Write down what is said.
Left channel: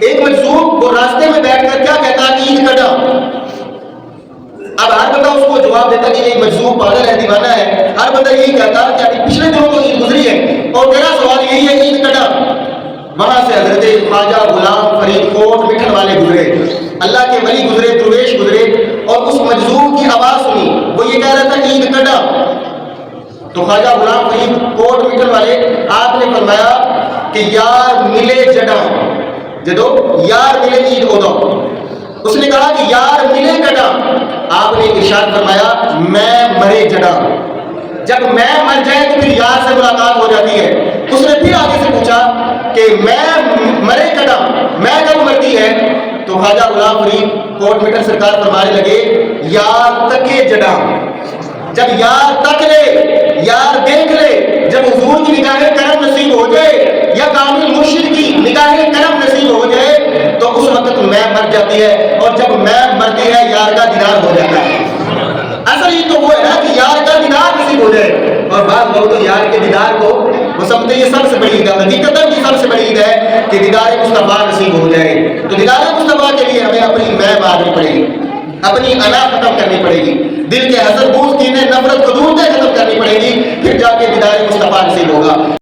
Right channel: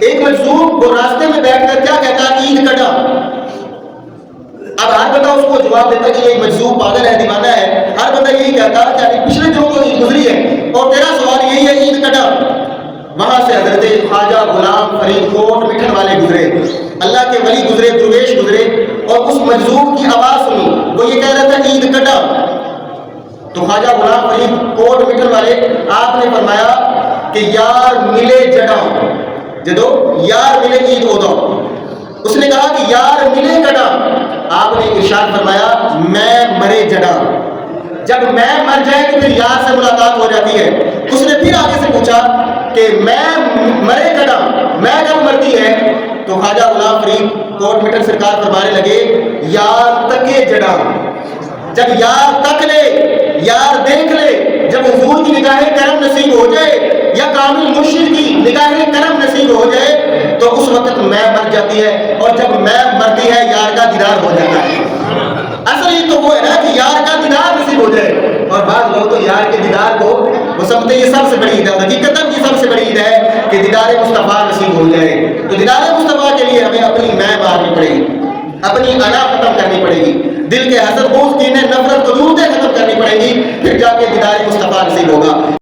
ایک مجذوب وہ راستے میں بیٹھ کر کیا کہتا ہے؟ عید کٹا۔ اب ہر بندہ اس کو جواب دیتا کہ یہ مجذوب پاگل ہے، دیوانہ ہے، ہر بندہ یہی کہتا کہ پچھلے دنوں تو عید گزری ہے اور تیرا سوال یہی ہے عید کٹا۔ وہاں سے حضرت خواجہ غلام فرید کوٹ مٹھن والے گزرے، اللہ کے ولی گزرے، درویش گزرے، اور اس مجذوب کی آواز سنی، وہ یہ کہہ رہا تھا عید کٹا۔ تو خواجہ غلام فرید کوٹ مٹھن والے آپ نے فرمایا کہ یار ملے جڑا جدو یار ملے عید اودو۔ اس نے کہا کہ یار ملے کٹا، آپ نے ارشاد فرمایا میں مرے جڑا۔ جب میں مر جائے تو پھر یار سے ملاقات ہو جاتی ہے۔ اس نے پھر آگے سے پوچھا کہ میں مرے کٹا، میں کب مرتی ہے؟ تو خواجہ غلام فرید کوٹ مٹن سرکار فرمانے لگے یار تکے جڑا۔ جب یار تک لے، یار دیکھ لے، جب حضور کی نگاہ کرم نصیب ہو جائے یا کامل مرشد کی نگاہ کرم نصیب ہو جائے تو اس وقت میں مر جاتی ہے، اور جب میں مرتی ہے یار کا دیدار ہو جاتا ہے۔ اصل یہ تو وہ ہے نا کہ یار کا دیدار نصیب ہو جائے، اور بعض لوگ تو یار کے دیدار کو وہ سمجھتے یہ سب سے بڑی عید ہے، حقیقتاً یہ سب سے بڑی عید ہے کہ دیدار مصطفیٰ نصیب ہو جائے۔ تو دیدار مصطفیٰ کے لیے ہمیں اپنی میں مارنی پڑے گی، اپنی انا ختم کرنی پڑے گی، دل کے حسد بغض کینے نفرت قدورتیں ختم کرنی پڑے گی، پھر جا کے دیدار مصطفیٰ نصیب ہوگا۔